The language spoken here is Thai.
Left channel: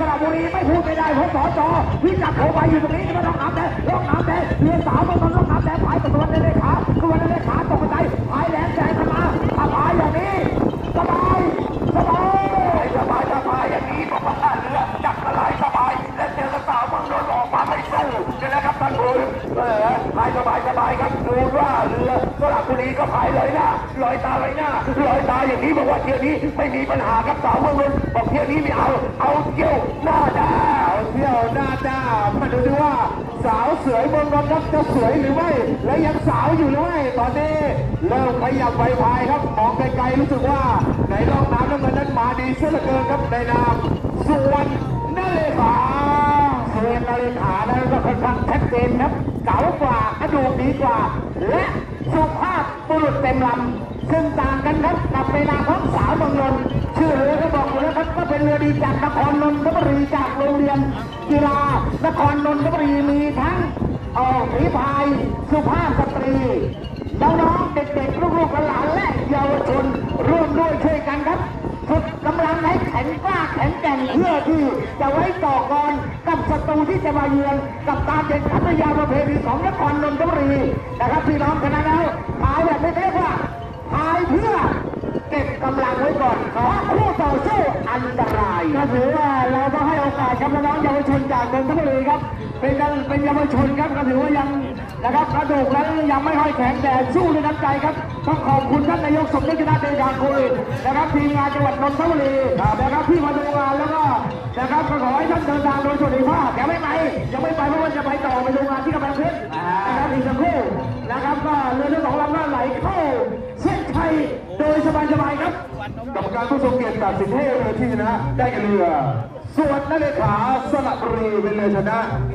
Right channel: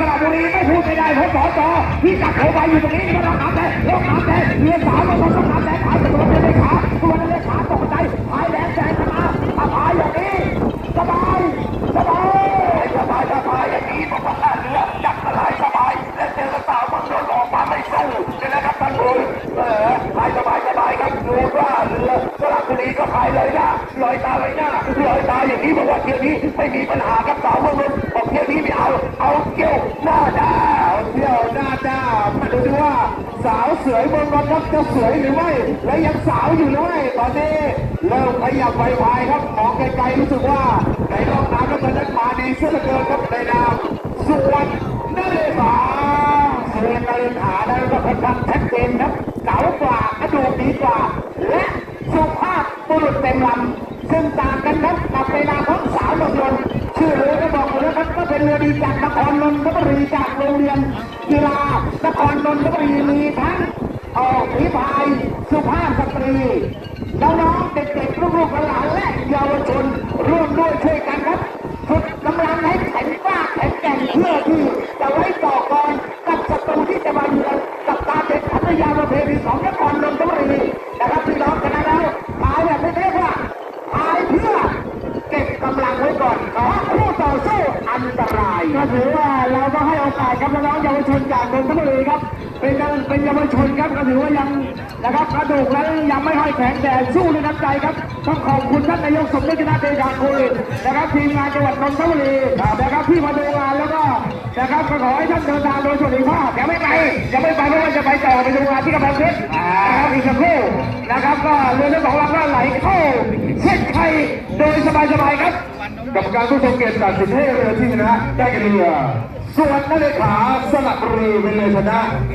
สระบุรีไม่พูดไม่ได้เพราะสอจอพี่จักรโผล่ไปอยู่ตรงนี้นี่มันต้องน้ำแดงต้องน้ำแดงเรือสาวมันต้องน้ำแดงพายตัวเดินเลขาตัวเดินเลขาตกใจพายแรงแซงขึ้นมาถ้าพายอย่างนี้สบายสบายสบายสบายอย่างนี้บอกว่าเรือจักรลายสบายและเจอกระสาวมืองนนออกมาไม่สู้นะครับท่านผู้เออพายสบายสบายครับดูว่าเรือสระ บุรีก็พายเลยหนะลอยตาเลยนะลอยตาอย่างนี้บอกว่าเที่ยวนี้ไม่มีปัญหาครับสาวเมืองนนท์บอกเที่ยวนี้ไม่เอาเอาเที่ยวหน้าดาเที่ยวหน้าจ้ามาดูดิว่า สาวสวยเมืองนนท์ครับจะสวยหรือไม่และยังสาวอยู่หรือไม่ตอนนี้เริ่มขยับไปพายครับมองไกลๆรู้สึกว่าในรอบน้ำแล้วมันนั้นมาดีเสียเหลือเกินครับในนามส่วนนั่นเลยค่ะส่วนนาฬิกาได้ก็ค่อนข้างชัดเจนครับเก๋ากว่ากระดูกดีกว่าและ รุษเต็มลำซึ่งต่างกันครับกับในนาของสาวเมืองนนชื่อเรือก็บอกอยู่แล้วครับก็เป็นเรือดีจากนครนนทบุรีจากโรงเรียนกีฬานครนนทบุรีมีทั้งออกฝีพายสุภาพสตรีน้องๆเด็กๆลูกๆหลานและเยาวชนร่วมด้วยช่วยกันครับฝึกกำลังให้แข็งกล้าแข็งแกร่งเพื่อที่จะไว้ต่อกรกับศัตรูที่จะมาเยือนกับการเป็นพัทยาประเพณีของนครนนทบุรีนะครับพี่น้องกันนะแล้วพายแบบไม่เท่ว่าพาย เพื่อเก็บกำลังไว้ก่อนครับคู่ต่อสู้อันตรายก็ถือว่าเราต้องให้โอกาสครับน้องเยาวชนจากนนทบุรีครับ เป็นการเป็นเยาวชนครับก็ถือว่ายังนะครับกระดูกแล้วยังไม่ให้แข็งแต่สู้ด้วยน้ำใจครับต้องขอบคุณท่านนายกสมเด็จพระเดชาคุณนะครับทีมงานจังหวัดนนทบุรีนะครับที่มาดูงานแล้วก็นะครับก็ขอให้ท่านทางการโดยสวัสดิภาพยังไม่ไปยังไม่ไปเพราะว่าจะไปต่อไปดูงานที่กำลังเพชรนะครับอีกสักครู่นะครับก็เรือทั้งสองลำ โดยสบายๆครับกรรมการผู้ทรงเกียรติตัดสินให้เรือที่ชนะได้แก่เรือส่วนนาเลขาสลับเรือเป็นเรือชนะ